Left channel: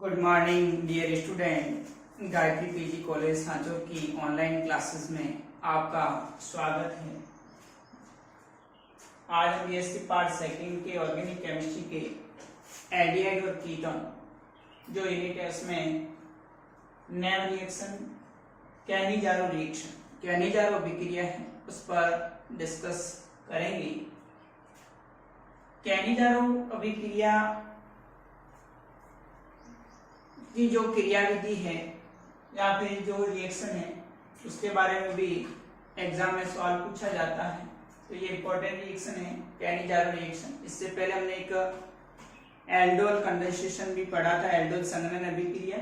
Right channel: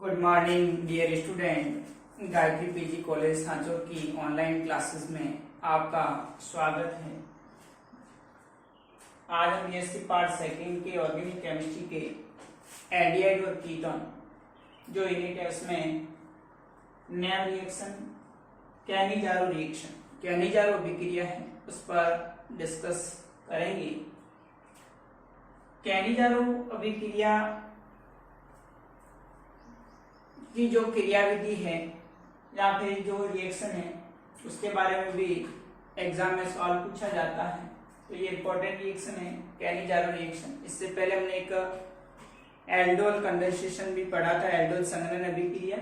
Good morning dear student. Gayatri PG college Sanchore की online classes में आपका स्वागत है। आज हम बीएससी पार्ट सेकंड के ऑर्गेनिक केमिस्ट्री के एल्डिहाइड और कीटोन जो यूनिट है उसमें नेम रिएक्शन कैनिजारो अभिक्रिया है उस पर डिस्कस करेंगे। कैनिजारो अभिक्रिया की जो क्रियाविधि है या फिर जो रिएक्शन है उसके बारे में भी एग्जाम में सवाल पूछा जाता है। तो ये इंपॉर्टेंट रिएक्शन है कैनिजारो रिएक्शन। इससे पहले हमने एक एल्डोल कंडेंसेशन भी पढ़ा था, एल्डोल संघनन अभिक्रिया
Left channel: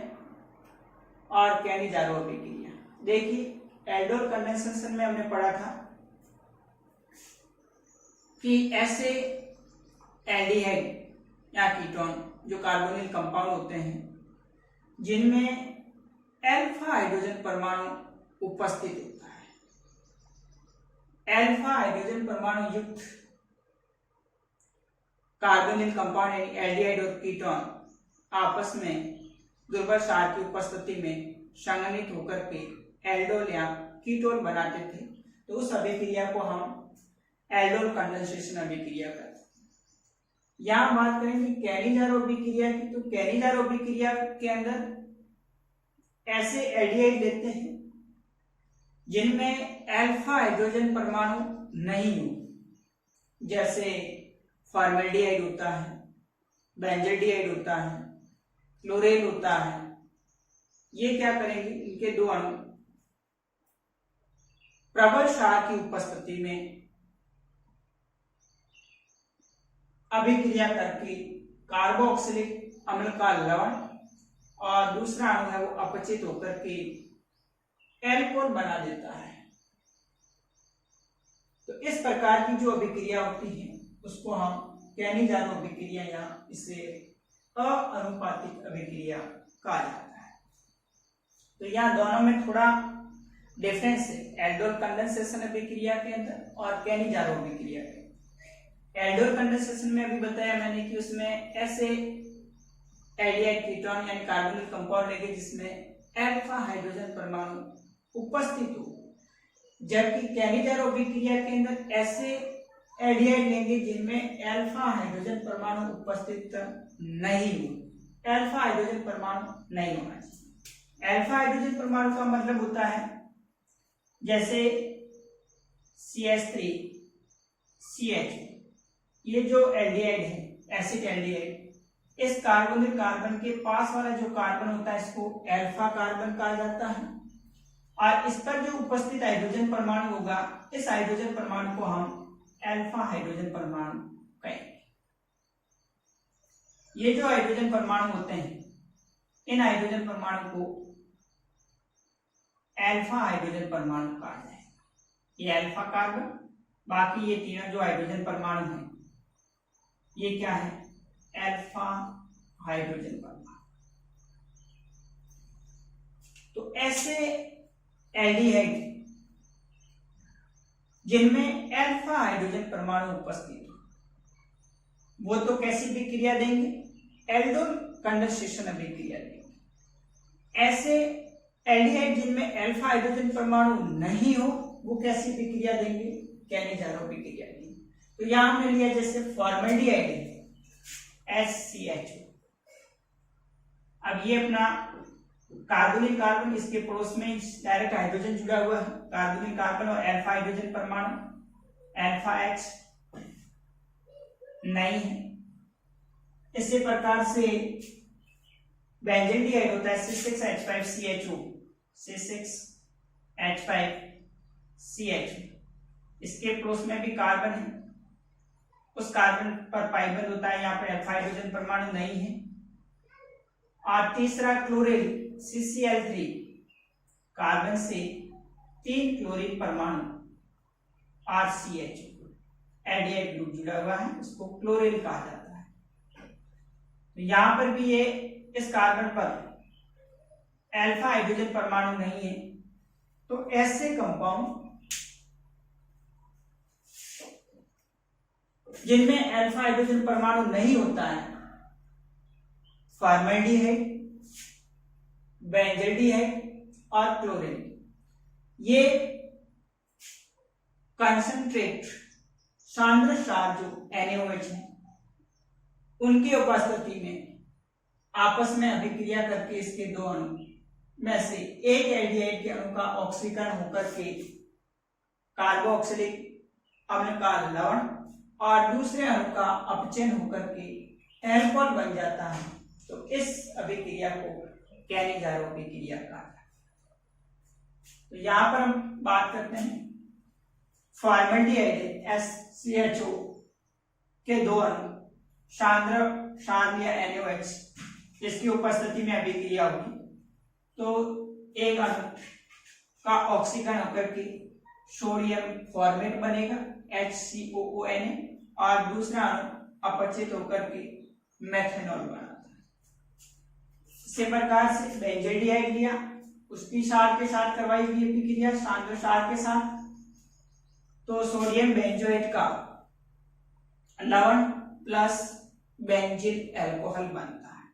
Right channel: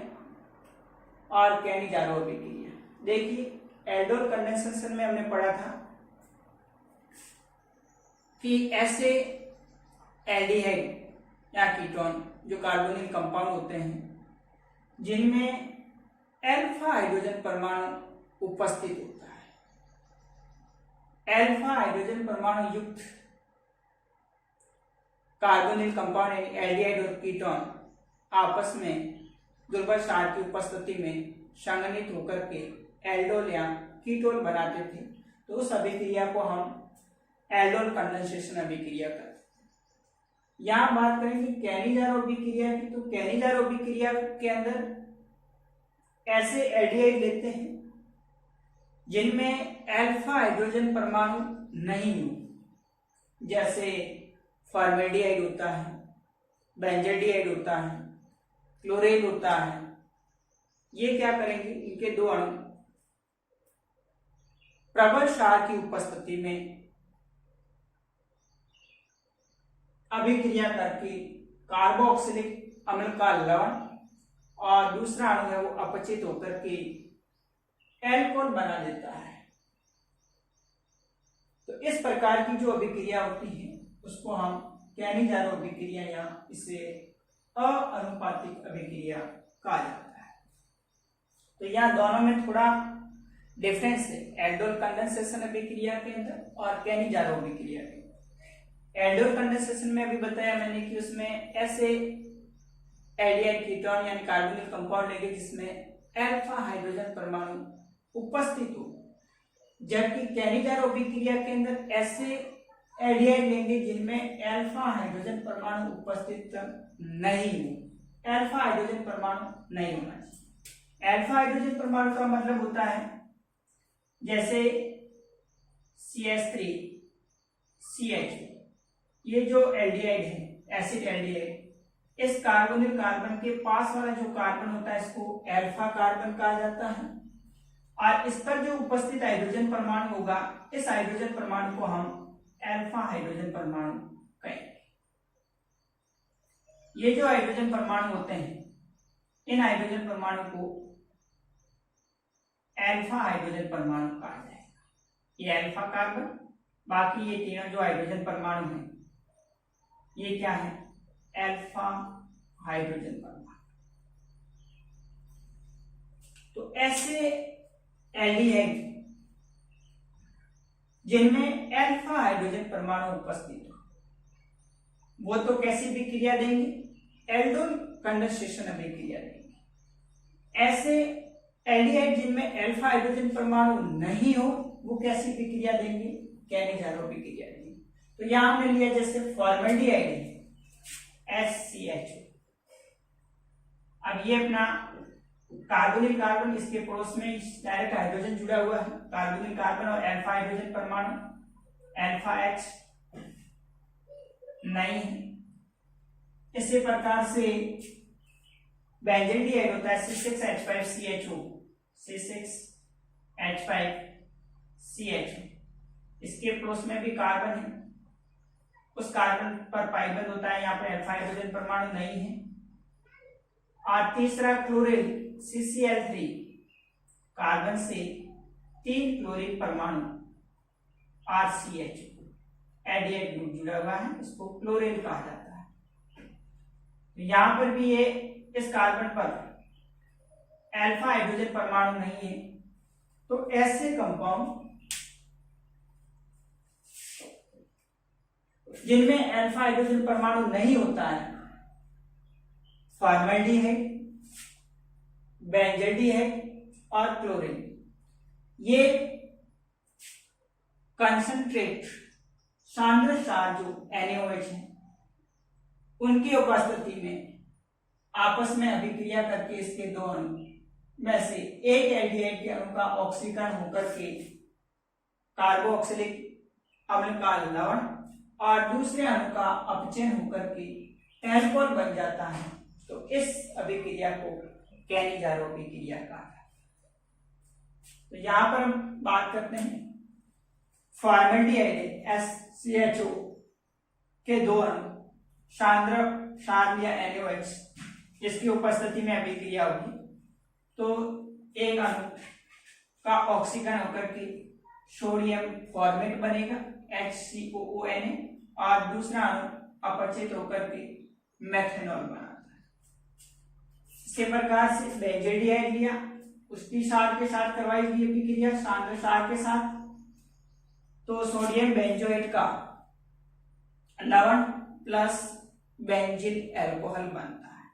और कैनिजारो अभिक्रिया। देखिए एल्डोल कंडेंसेशन में हमने पढ़ा था कि ऐसे एल्डिहाइड या कीटोन जो कार्बोनिल कंपाउंड होते हैं जिनमें अल्फा हाइड्रोजन परमाणु उपस्थित होता है। अल्फा हाइड्रोजन परमाणु युक्त कार्बोनिल कंपाउंड एल्डिहाइड और कीटोन आपस में दुर्बल क्षार की उपस्थिति में संघनित होकर के एल्डोल या कीटोन बनाते थे। तो उस अभिक्रिया को हम एल्डोल कंडेंसेशन अभिक्रिया कहते हैं। यहां बात करेंगे कैनिजारो अभिक्रिया की। तो कैनिजारो अभिक्रिया के अंदर ऐसे एल्डिहाइड लेते हैं जिनमें अल्फा हाइड्रोजन परमाणु नहीं हो, जैसे फॉर्मेल्डिहाइड होता है, बेंजल्डिहाइड होता है, क्लोरेल होता है। ये क्या करेंगे, इनके दो अणु प्रबल क्षार की उपस्थिति में अभिक्रिया करके कार्बोक्सिलिक अम्ल का लवण और दूसरा अणु है वो अपचित होकर के एल्कोहल बना देता है। तो इस प्रकार की जो अभिक्रिया होती है उसको हम कैनिजारो अभिक्रिया या इसे अआनुपातिक अभिक्रिया कहा जाता है। तो यहाँ दोनों में थोड़ा डिफरेंस है, एल्डोल कंडेंसेशन अभिक्रिया के अंदर और कैनिजारो अभिक्रिया के। एल्डोल कंडेंसेशन में अभी बताया मैंने कि उसमें ऐसे एल्डिहाइड कीटोन यानी कार्बोनिल कंपाउंड लेंगे जिसमें अल्फा हाइड्रोजन परमाणु उपस्थित हो, जबकि कैनिजारो अभिक्रिया के अंदर ऐसे एल्डिहाइड लेंगे जिनमें अल्फा हाइड्रोजन परमाणु उपस्थित नहीं हो। अल्फा हाइड्रोजन परमाणु नहीं होना चाहिए। अल्फा हाइड्रोजन परमाणु का मतलब होता है जैसे CH3 CH, ये जो एल्डिहाइड है एसिड एल्डिहाइड, इस कार्बोनिल कार्बन के पास वाला जो कार्बन होता है इसको अल्फा कार्बन कहा जाता है और इस पर जो उपस्थित हाइड्रोजन परमाणु होगा इस हाइड्रोजन परमाणु को हम अल्फा हाइड्रोजन परमाणु कहेंगे। ये जो हाइड्रोजन परमाणु होते हैं इन हाइड्रोजन परमाणु को अल्फा हाइड्रोजन परमाणु कहा जाएगा। ये अल्फा कार्बन, बाकी ये तीनों जो हाइड्रोजन परमाणु हैं ये क्या है, अल्फा हाइड्रोजन परमाणु। तो ऐसे एल्डिहाइड जिनमें अल्फा हाइड्रोजन परमाणु उपस्थित हो वो तो कैसी अभिक्रिया देंगे, एल्डोल कंडेंसेशन अभिक्रिया देंगे। ऐसे एल्डिहाइड जिनमें अल्फा हाइड्रोजन परमाणु नहीं हो वो कैसी अभिक्रिया देंगे, कैनिजारो अभिक्रिया देंगे। तो यहां हमने लिया जैसे फॉर्मेल्डिहाइड SCH। अब ये अपना कार्बोनिल कार्बन, इसके पड़ोस में डायरेक्ट हाइड्रोजन जुड़ा हुआ है, कार्बोनिल कार्बन और अल्फा हाइड्रोजन परमाणु अल्फा H नहीं है। इसी प्रकार से बेंजल्डिहाइड होता है C6H5CHO, C6H5CHO, इसके पड़ोस में भी कार्बन है, उस कार्बन पर पाई बंद होता है, यहाँ पर अल्फा हाइड्रोजन परमाणु नहीं है। और तीसरा क्लोरीन CCl3, कार्बन से 3 क्लोरीन परमाणु RCH एल्डिहाइड ग्रुप जुड़ा हुआ है, उसको क्लोरीन कहा जाता है। तो यहां पर भी ये इस कार्बन पर अल्फा हाइड्रोजन परमाणु नहीं है। तो ऐसे कंपाउंड जिनमें अल्फा हाइड्रोजन परमाणु नहीं होता है, फॉर्मेल्डिहाइड बेंजल्डिहाइड और क्लोरीन, ये कंसंट्रेट सांद्र क्षार जो NaOH है उनकी उपस्थिति में आपस में अभिक्रिया करके इसके दो अणु में से एक एल्डिहाइड के अणु का ऑक्सीकरण होकर के कार्बोक्सिलिक अम्ल का लवण और दूसरे अणु का अपचयन होकर के एल्कोहल बन जाता है। तो इस अभिक्रिया को कैनिजारो अभिक्रिया कहा जाता है। तो यहां पर हम बात करते हैं फॉर्मेल्डिहाइड SCHO के दो अणु सांद्र क्षार या NaOH जिसकी उपस्थिति में अभिक्रिया होगी तो एक अणु का ऑक्सीकरण होकर के सोडियम फॉर्मेट बनेगा HCOONA और दूसरा अणु अपचित होकर के मेथेनॉल बनाता है। इसी प्रकार से बेंजल्डिहाइड लिया, उसकी क्षार के साथ करवाई गई अभिक्रिया सांद्र क्षार के साथ, तो सोडियम बेंजोएट का लवण प्लस बेंजिल अल्कोहल बनता है।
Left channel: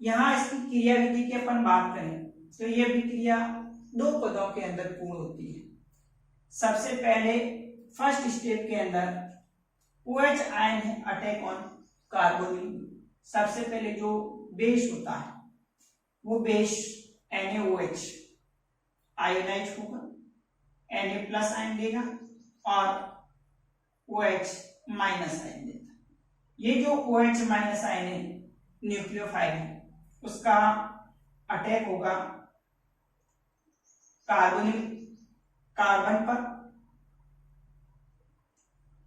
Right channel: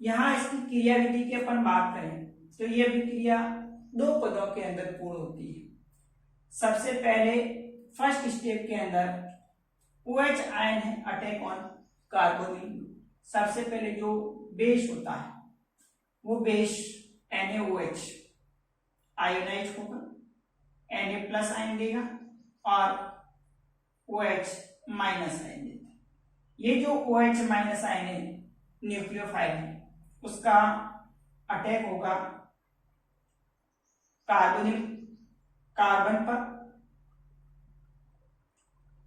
यहां इसकी क्रिया विधि की अपन बात करें तो यह अभिक्रिया दो पदों के अंदर पूर्ण होती है। सबसे पहले फर्स्ट स्टेप के अंदर OH आयन है अटैक ऑन कार्बोनिल। सबसे पहले जो बेस होता है वो बेस NaOH आयोनाइज होगा, Na प्लस आयन देगा और OH माइनस आयन देता है। ये जो OH माइनस आयन है न्यूक्लियोफाइल है उसका अटैक होगा कार्बन पर,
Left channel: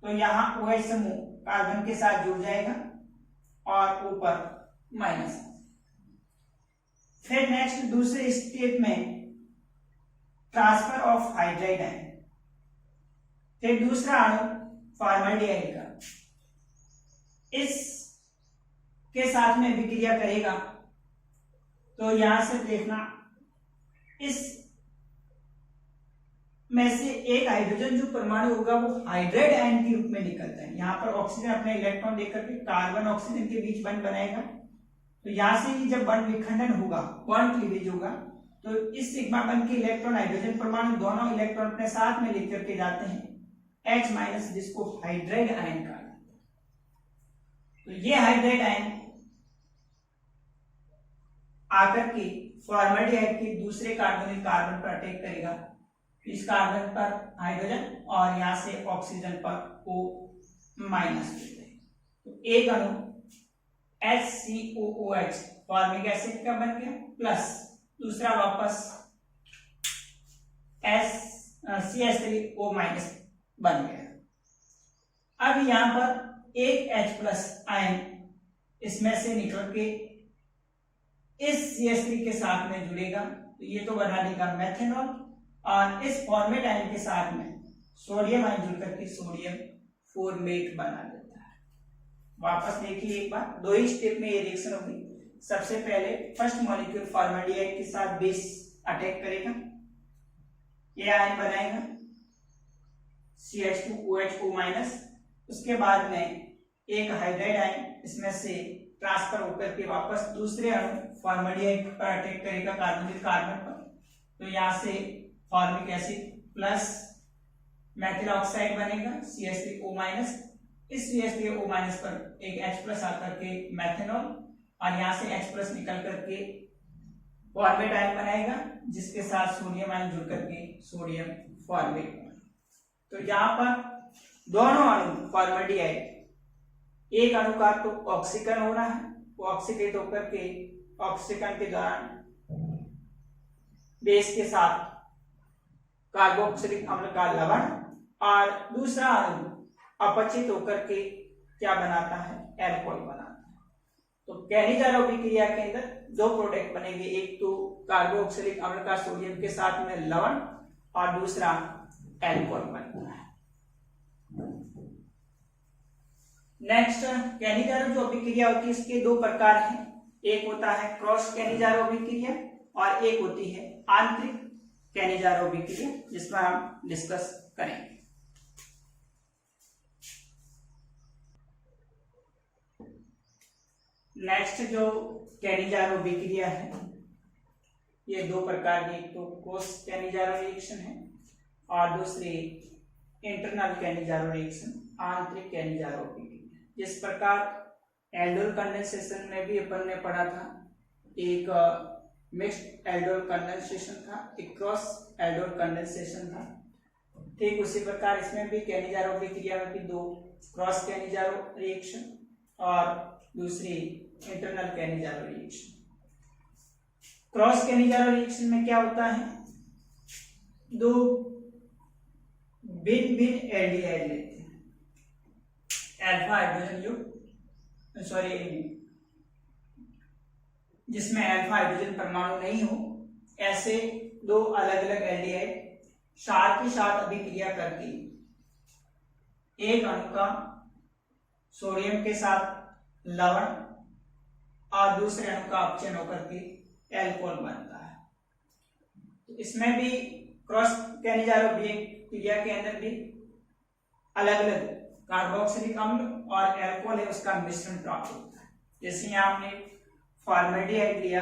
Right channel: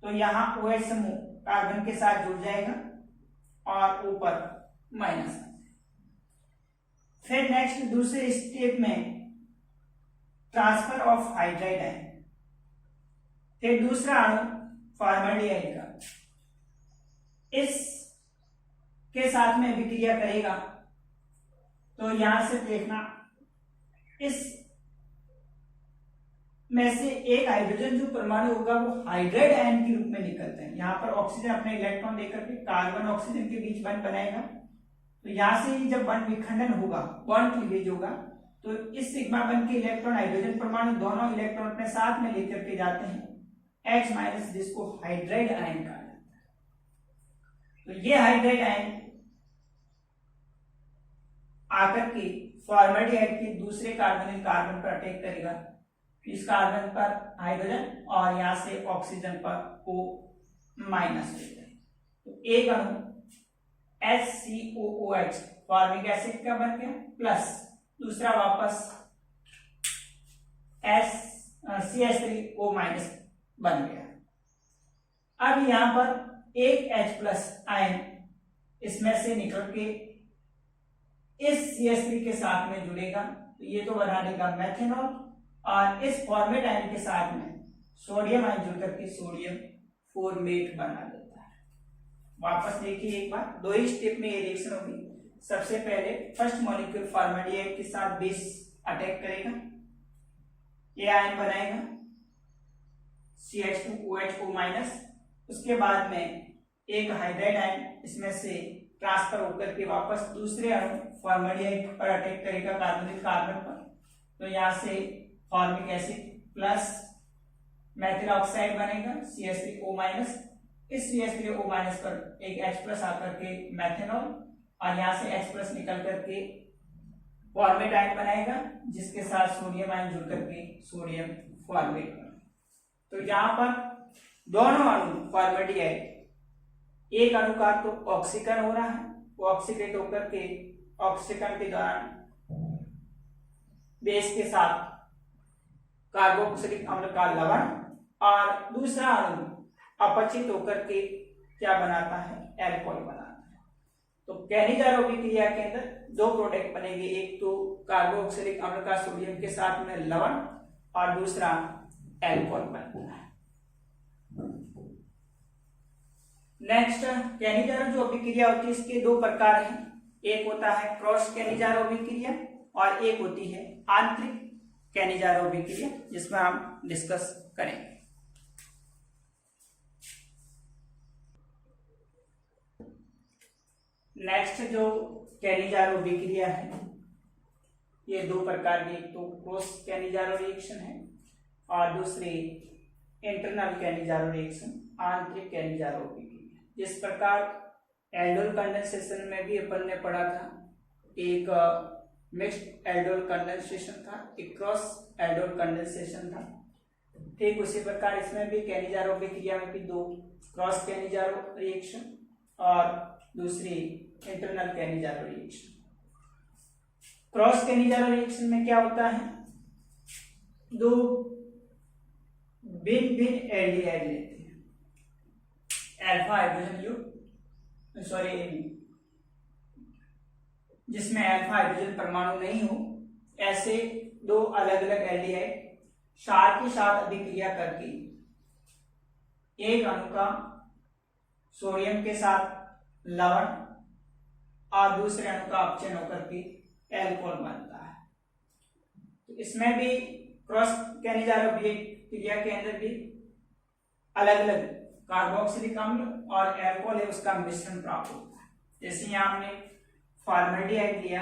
तो यहां OH समूह कार्बन के साथ जुड़ जाएगा और ऊपर माइनस आ जाएगा। फिर नेक्स्ट दूसरे स्टेप में ट्रांसफर ऑफ हाइड्राइड आयन, फिर दूसरा अणु फॉर्मल्डिहाइड का इस के साथ में अभिक्रिया करेगा। तो यहां से देखना इस में से एक हाइड्रोजन जो परमाणु होगा वो हाइड्राइड आयन के रूप में निकलता है। यहाँ पर ऑक्सीजन अपने इलेक्ट्रॉन देकर के कार्बन ऑक्सीजन के बीच बंध बनाएगा। तो यहां से ही जब बंध विखंडन होगा, बॉन्ड क्लीवेज होगा, तो इस सिग्मा बंध के इलेक्ट्रॉन हाइड्रोजन परमाणु दोनों इलेक्ट्रॉन अपने साथ में लेकर के जाते हैं H माइनस, जिसको हाइड्राइड आयन कहा जाता है। तो ये हाइड्राइड आयन आकर के फॉर्मल्डिहाइड के दूसरे कार्बोनिल कार्बन पर अटैक करेगा। इस कार्बन पर हाइड्रोजन और यहां से ऑक्सीजन पर O माइनस हो जाएगा। तो एक अणु HCOOH फॉर्मिक एसिड का बन गया प्लस दूसरा वापस CH3O माइनस बन गया। अब यहां पर एक H प्लस आयन इसमें से निकल के इस CH3 के साथ में जुड़ेगा, तो ये तो बना देगा मेथेनॉल और इस फॉर्मेट आयन के साथ में सोडियम आयन जुड़ करके सोडियम फॉर्मेट बना देता है। वापस देखिए एक बार, दो ही स्टेप में ये रिएक्शन होगी। सबसे पहले फर्स्ट मॉलिक्यूल फॉर्मल्डिहाइड के साथ बेस अटैक करेगा, ये आयन बनाएगा CH2OH माइनस। उसके बाद में एक हाइड्राइड आयन इसमें से ट्रांसफर होकर के वापस दूसरे अणु फॉर्मल्डिहाइड पर अटैक करेगा कार्बोनिल कार्बन पर। तो यहां से formic acid plus methyl oxide बनेगा CH3O माइनस। इस CH3O माइनस पर एक H प्लस आकर के मेथेनॉल और यहां से H प्लस निकल करके फॉर्मेट आयन बनाएगा जिसके साथ सोडियम आयन जुड़ करके सोडियम फॉर्मेट बना। तो यहां पर दोनों अणु फॉर्मल्डिहाइड, एक अणु का तो ऑक्सीकरण हो रहा है, वो ऑक्सीडेट होकर के ऑक्सीकरण के दौरान बेस के साथ कार्बोक्सिलिक अम्ल का लवण और दूसरा अणु अपचित होकर के क्या बनाता है, एल्कोहल बनाता है। तो कैनिजारो अभिक्रिया के अंदर दो प्रोडक्ट बनेंगे, एक तो कार्बोक्सिलिक अम्ल का सोडियम के साथ में लवण और दूसरा एल्कोहल बनता है। नेक्स्ट कैनिजारो जो अभिक्रिया होती है इसके दो प्रकार हैं, एक होता है क्रॉस कैनिजारो अभिक्रिया और एक होती है आंतरिक कैनिजारो अभिक्रिया, जिसमें हम डिस्कस करेंगे। नेक्स्ट जो कैनिजारो अभिक्रिया है ये दो प्रकार की, एक तो क्रॉस कैनिजारो रिएक्शन है और दूसरी इंटरनल कैनिजारो रिएक्शन, आंतरिक कैनिजारो अभिक्रिया। जिस प्रकार एल्डोल कंडेंसेशन में भी अपन ने पढ़ा था, एक मिक्स्ड एल्डोल कंडेंसेशन था, एक क्रॉस एल्डोल कंडेंसेशन था, ठीक उसी प्रकार इसमें भी कैनिजारो अभिक्रिया में भी दो, क्रॉस कैनिजारो रिएक्शन और दूसरी internal Cannizzaro reaction. Cross Cannizzaro reaction में क्या होता है, दो भिन्न भिन्न एल्डिहाइड लेते हैं, अल्फा हाइड्रोजन युक्त, जिसमें अल्फा हाइड्रोजन परमाणु नहीं हो, ऐसे दो अलग अलग एल्डिहाइड साथ ही साथ अभिक्रिया करके एक अणु का सोडियम के साथ लवण और दूसरे अणु का अपचयन होकर के एल्कोहल बनता है। तो इसमें भी क्रॉस कैनिजारो अभिक्रिया के अंदर भी अलग अलग कार्बोक्सिलिक अम्ल और एल्कोहल है उसका मिश्रण प्राप्त होता है। जैसे यहाँ हमने फॉर्मेल्डिहाइड लिया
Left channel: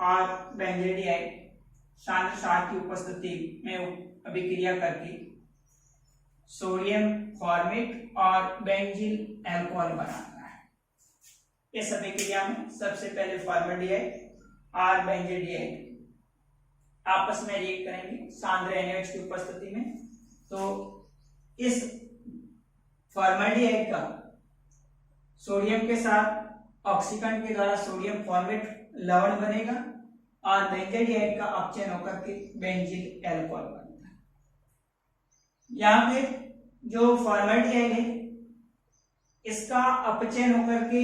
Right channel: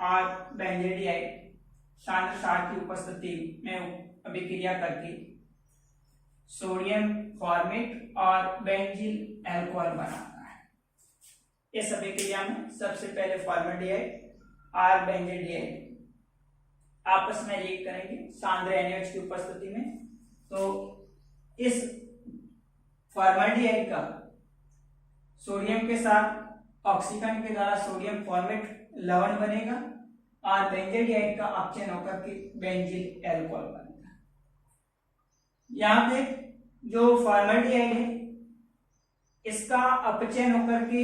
और बेंजील्डिहाइड सांद्र सार की उपस्थिति में अभिक्रिया करके सोडियम फॉर्मेट और बेंजील एल्कोहल बनाता है। इस अभिक्रिया में सबसे पहले फॉर्मेल्डिहाइड और बेंजील्डिहाइड आपस में रिएक्ट करेंगे सांद्र NaOH की उपस्थिति में। तो इस फॉर्मेल्डिहाइड का सोडियम के साथ ऑक्सीकरण के द्वारा सोडियम फॉर्मेट लवण बनेगा और बेंजील्डिहाइड का अपचयन होकर के बेंजील एल्कोहल बनेगा। यहाँ पे जो फॉर्मेल्डिहाइड है इसका अपचयन होकर के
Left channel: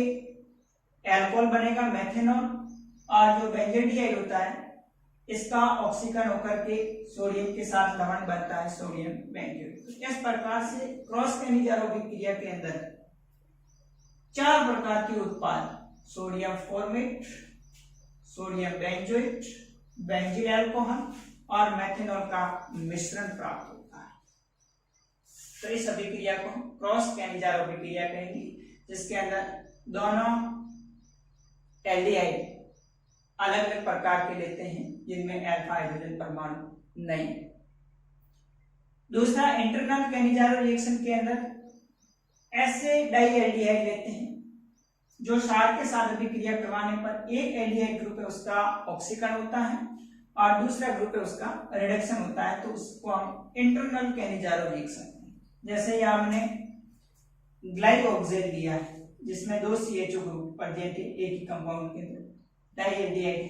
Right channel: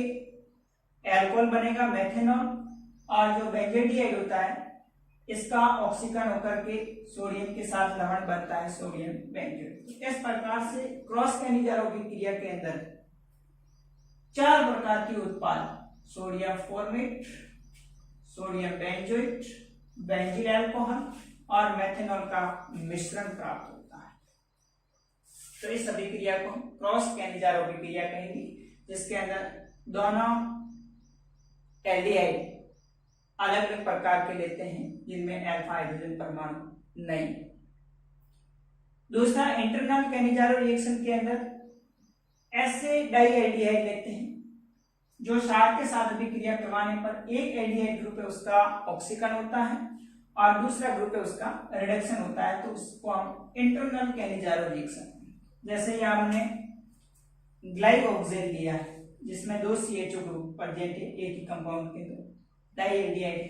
एल्कोहल बनेगा मेथेनॉल, और जो बेंजील्डिहाइड होता है इसका ऑक्सीकरण होकर के सोडियम के साथ लवण बनता है सोडियम बेंजोएट। इस प्रकार से क्रॉस कैनिजारो अभिक्रिया के अंदर चार प्रकार के उत्पाद sodium format, sodium benzoate, बेंजील alcohol और मेथेनॉल का मिश्रण प्राप्त होता है। तो इस अभिक्रिया को हम क्रॉस कैनिजारो अभिक्रिया कहेंगे, जिसके अंदर दोनों एल्डिहाइड अलग अलग प्रकार के लेते हैं जिनमें अल्फा हाइड्रोजन परमाणु नहीं। दूसरा इंटरनल कैनिजारो रिएक्शन के अंदर ऐसे डाई एल्डिहाइड लेते हैं जो साथ के साथ अभिक्रिया करवाने पर एक एल्डिहाइड ग्रुप है उसका ऑक्सीकरण होता है और दूसरा ग्रुप है उसका रिडक्शन होता है, तो उसको हम इंटरनल कैनिजारो रिएक्शन। जैसे यहाँ हमने ग्लाइकोक्सेन लिया है जिसमें दो CHO ग्रुप प्रेजेंट है एक ही कंपाउंड के अंदर, डाई एल्डिहाइड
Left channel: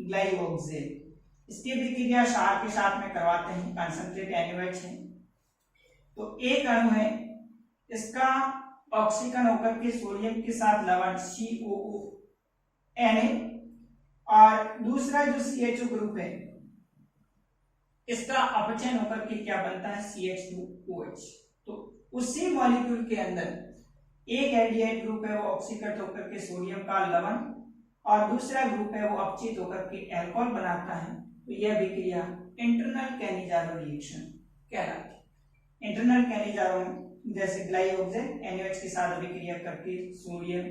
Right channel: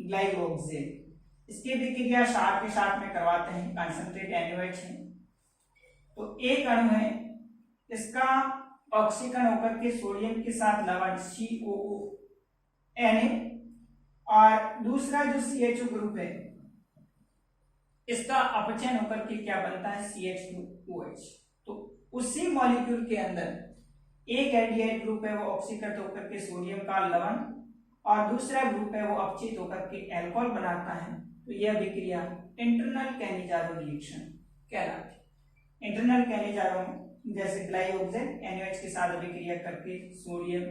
ग्लाइकोक्सेन। इसकी अभिक्रिया सार के साथ में करवाते हैं, कंसंट्रेट NaOH है। तो एक अणु है इसका ऑक्सीकरण होकर के सोडियम के साथ लवण COONA और दूसरा जो CHO ग्रुप है इसका अपचयन होकर के क्या बनता है CH2OH। तो उसी मॉलिक्यूल के अंदर एक एल्डिहाइड ग्रुप है वो ऑक्सीकृत होकर के सोडियम का लवण और दूसरा ग्रुप है वो अपचित होकर के अल्कोहल बनाता है। तो यह अभिक्रिया इंटरनल कैनिजारो रिएक्शन कहलाती है। इंटरनल कैनिजारो जैसे ग्लाइकोक्सेन NaOH के साथ अभिक्रिया करके सोडियम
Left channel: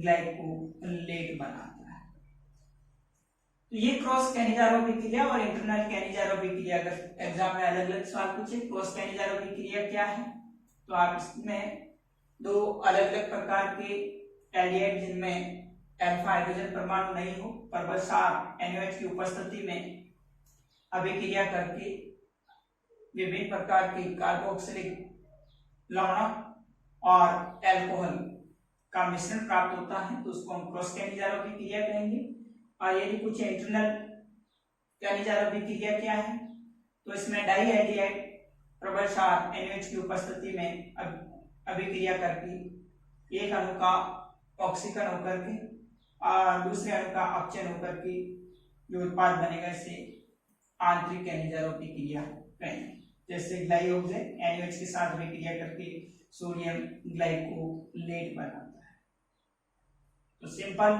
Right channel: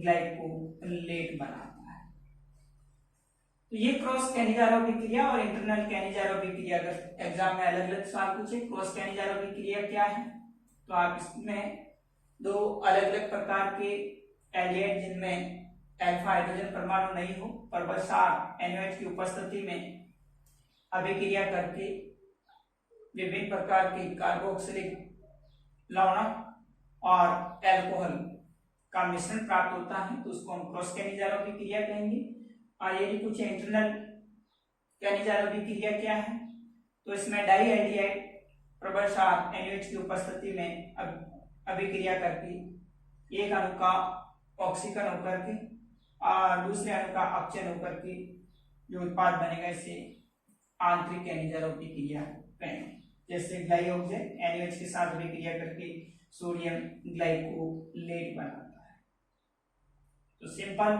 ग्लाइकोलेट बनाता है। तो ये क्रॉस कैनिजारो अभिक्रिया और इंटरनल कैनिजारो अभिक्रिया। अगर एग्जाम में अलग अलग सवाल पूछे क्रॉस कैनिजारो अभिक्रिया क्या है, तो आप इसमें दो अलग अलग प्रकार के एल्डिहाइड जिनमें अल्फा हाइड्रोजन परमाणु नहीं हो पर सार NaOH की उपस्थिति में अभिक्रिया करके विभिन्न प्रकार के कार्बोक्सिलिक लवण और अल्कोहल का मिश्रण प्राप्त होता है, तो उसको हम क्रॉस कैनिजारो अभिक्रिया कहेंगे। और यदि कुछ इंटरनल कैनिजारो अभिक्रिया क्या है, तो इसमें डाई एल्डिहाइड प्रबल सार NaOH की उपस्थिति में अभिक्रिया करके एक अणु का ऑक्सीकरण होकर के और दूसरे अणु का अपचयन होकर के जो उत्पाद बनेगा इसे आंतरिक कैनिजारो अभिक्रिया कहेंगे। जैसे ग्लाइकोक्सेन NaOH के साथ अभिक्रिया करके सोडियम ग्लाइकोलेट बनाता है। तो सिंपल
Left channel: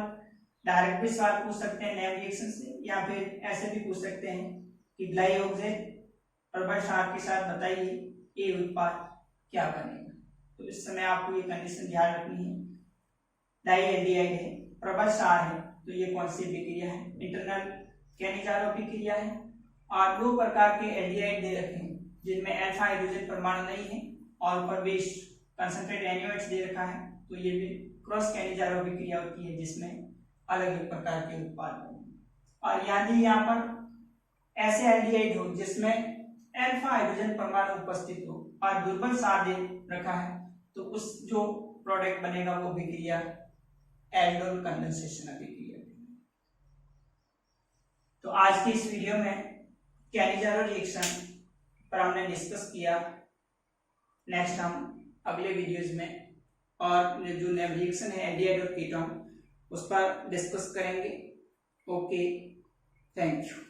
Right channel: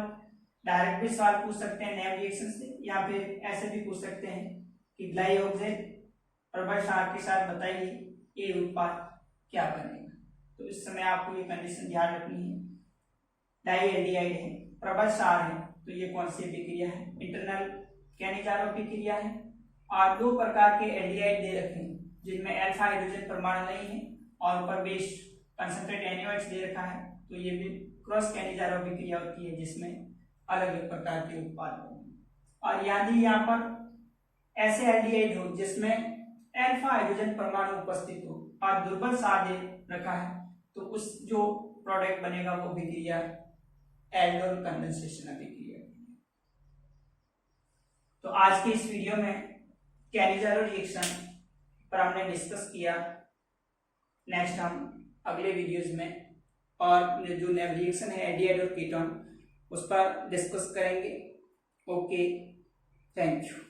डायरेक्ट भी सवाल पूछ सकते हैं नैव रिएक्शन से, या फिर ऐसे भी पूछ सकते हैं कि ग्लाइकोक्सेन प्रबल सार के साथ बताइए ये उत्पाद क्या बनेगा। तो इस समय आपको ये कंडीशन ध्यान रखनी है, डाई एल्डिहाइड है प्रबल सार है, तो ये कौन सी अभिक्रिया है इंटरनल कैनिजारो अभिक्रिया है। और 2 प्रकार के एल्डिहाइड दे रखे हैं जिनमें अल्फा हाइड्रोजन परमाणु नहीं है और ऊपर बेस्ड कंसंट्रेट NaOH दे रखा है, तो ये भी क्रॉस कैनिजारो अभिक्रिया होती है जिसमें अलग अलग प्रकार के उत्पाद होंगे। और यदि यहाँ पर ऐसे एल्डिहाइड हो जिसमें अल्फा हाइड्रोजन परमाणु उपस्थित हो और दुर्बल सार दे रखा है, तो उस जो प्रोडक्ट बनेगा वो अभिक्रिया एल्डोल कंडेंसेशन अभिक्रिया। तो आज के इस वीडियो में कैनिजारो रिएक्शन पर हमने डिस्कस किया। नेक्स्ट हम अगले वीडियोस में और जो रिएक्शन है एल्डिहाइड और कीटोन उस पर डिस्कस करेंगे। Okay, thank you.